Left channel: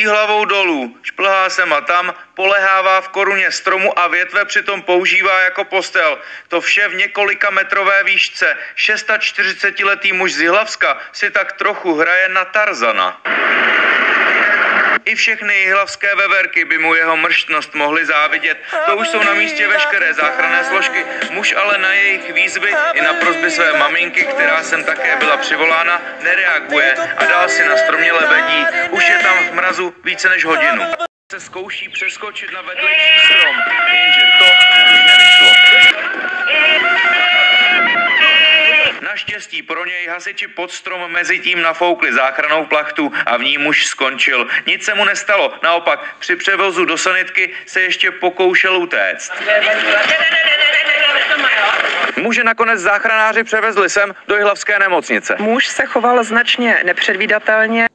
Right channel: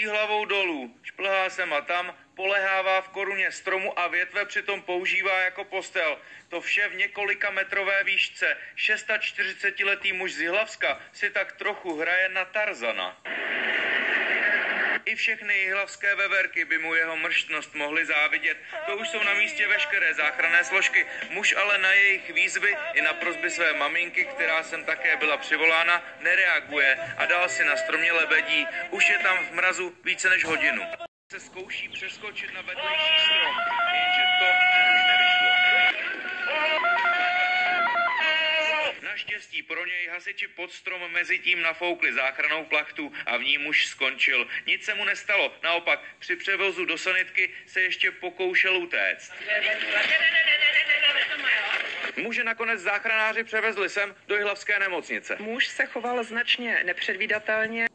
visí hlavou dolů, šplhá sem a tam, polehává v koruně stromu a větve přitom používá jako postel. To vše v několika metrové výšce. 46letý muž z Jihlavska si tak trochu hraje na Tarzana. I všechny jihlavské veverky by mu jeho mrštnost mohly závidět. To už jsou na místě veškeré záchranné složky. Muž ale na jejich výzvy i na prosby své maminky, která sem také byla přivolána, nereaguje a dál si na stromě lebedí. Už je tam v mrazu více než hodinu. Se zkouší přeskočit na vedlejší strom, jenže to už nevyšlo. Naštěstí pro něj hasiči pod strom mezi tím nafoukli záchrannou plachtu a v ní muž skončil. Nic se mu nestalo, naopak při převozu do sanitky se ještě pokoušel utéct. Muže nakonec záchranáři převezli sem do jihlavské nemocnice. Muž se choval značně nepředvídatelně.